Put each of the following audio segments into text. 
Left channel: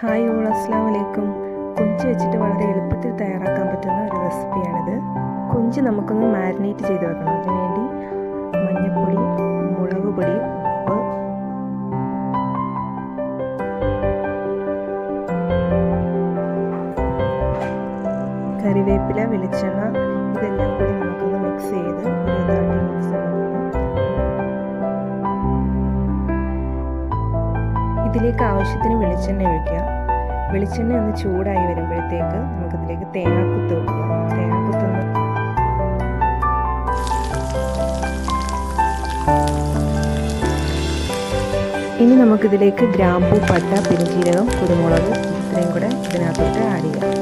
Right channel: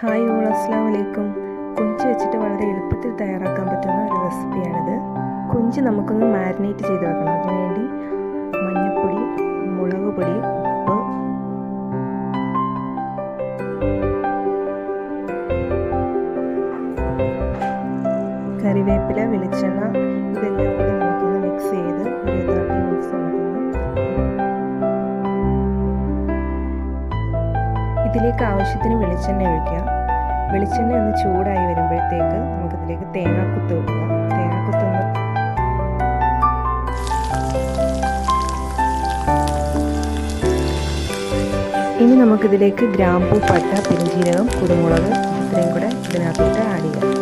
Hi all, അസ്സലാമു അലൈക്കും. കൊഞ്ച് വെച്ചിട്ട് വളരെ എളുപ്പത്തിൽ തയ്യാറാക്കാൻ പറ്റുന്ന ഒരു റെസിപ്പിയാണിത്. കൊഞ്ച് നമുക്കൊന്ന് മാരിനേറ്റ് ചെയ്ത് വെക്കണം. അതിനുവേണ്ടി മഞ്ഞൾപ്പൊടി, മുളക് പൊടി, ഉപ്പ്, കറിവേപ്പില, വെളിച്ചെണ്ണ ഇതെല്ലാം കൂടി നമുക്കൊന്ന് മിക്സ് ചെയ്ത് ഒരു 30 മിനിറ്റ്സ് ഇതിലേക്ക് ആവശ്യത്തിന് വെളിച്ചെണ്ണ ഒഴിക്കുക. വെളിച്ചെണ്ണ ഒന്ന് ചൂടായി വരുമ്പോഴത്തേക്ക് നമുക്കിതിലേക്ക് തേങ്ങാക്കുത്ത് ഇടുക. തേങ്ങാക്കുത്തൊന്ന് ഇനി നമുക്കിതിലേക്ക് ഗ്രാമ്പൂ, പട്ട, പെരുംജീരകം, കുരുമുളക് ഇത്രയും കൂടെ ഇതിനകത്തോട്ട് ആഡ് ചെയ്യാം.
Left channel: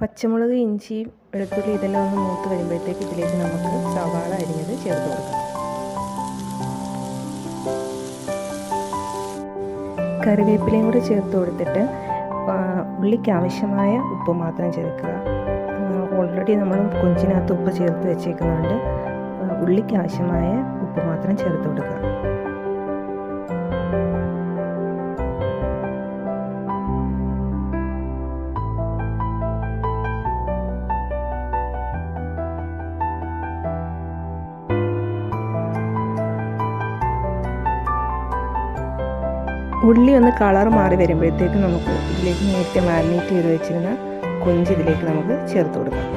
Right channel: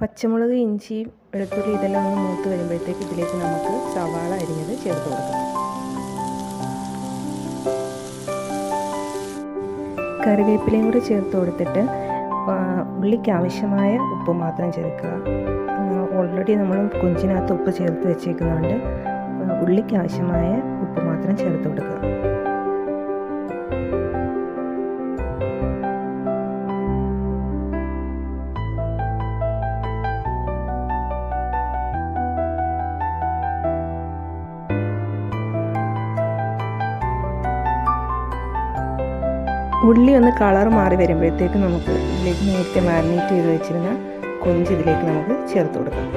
പച്ചമുളക്, ഇഞ്ചി, വെളുത്തുള്ളി ഇതെല്ലാം ഒന്ന് മൂത്ത് വരുമ്പോഴത്തേക്ക് ഇതിലേക്ക് നമുക്ക് സവാള അരിഞ്ഞത് ചേർത്ത് കൊടുക്കാം. കറിവേപ്പിലയും കൂടി ചേർത്ത് കൊടുത്തിട്ട് ഉള്ളിക്ക് ആവശ്യമായ ഉപ്പ് മാത്രം ചേർക്കുക. ഓൾറെഡി നമ്മൾ കൊഞ്ചിനകത്ത് ഉപ്പ് ചേർത്ത് വെച്ചേക്കുന്നതുകൊണ്ട് ഉള്ളിക്ക് ആവശ്യമായ ഉപ്പ് മാത്രം ചേർത്ത് കൊടുക്കുക. ഉള്ളി ഒന്ന് കളർ മാറി വരുമ്പോഴത്തേക്ക് നമുക്ക് ഇതിലേക്ക് നേരത്തെ മാരിനേറ്റ് ചെയ്ത് വെച്ചിരുന്ന കൊഞ്ച് ഇതിലേക്ക് നമുക്ക് ചേർത്ത് കൊടുക്കാം.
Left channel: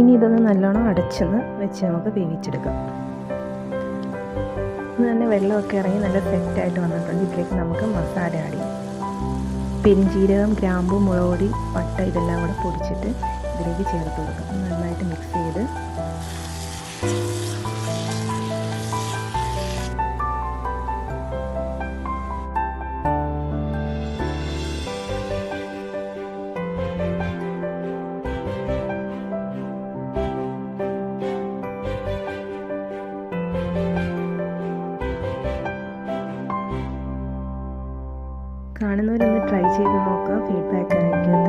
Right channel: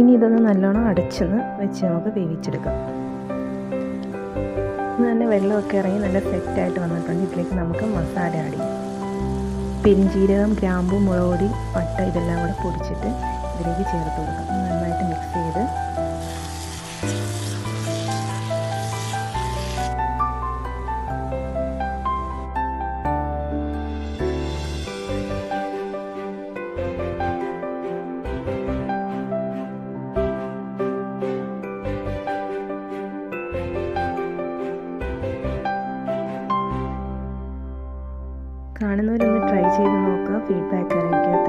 ഇനി ഇതൊന്ന് നല്ലോണം അടച്ചൊന്ന് വെച്ച് നമുക്ക് വേവിച്ചെടുക്കാം. ഇന്ന് തന്നെ വെള്ളമൊക്കെ ഇറങ്ങി നല്ല സെറ്റായിട്ട് വന്നിട്ടുണ്ട്. ഇതിലേക്ക് നമുക്ക് മസാല ആഡ് ചെയ്യാം. പെരുംജീരകം, ഗ്രാമ്പൂ, മുളക് പൊടി, പട്ട ഇതെല്ലാം കൂടെ പൊടിച്ചിട്ട് ഇതിലേക്ക് ചേർത്ത് കൊടുക്കാം. നന്നായിട്ട് മിക്സ് ചെയ്ത് കാണുന്നവരൊന്ന് ട്രൈ ചെയ്ത് നോക്കുക. ഫീഡ്ബാക്ക് അറിയിക്കുക.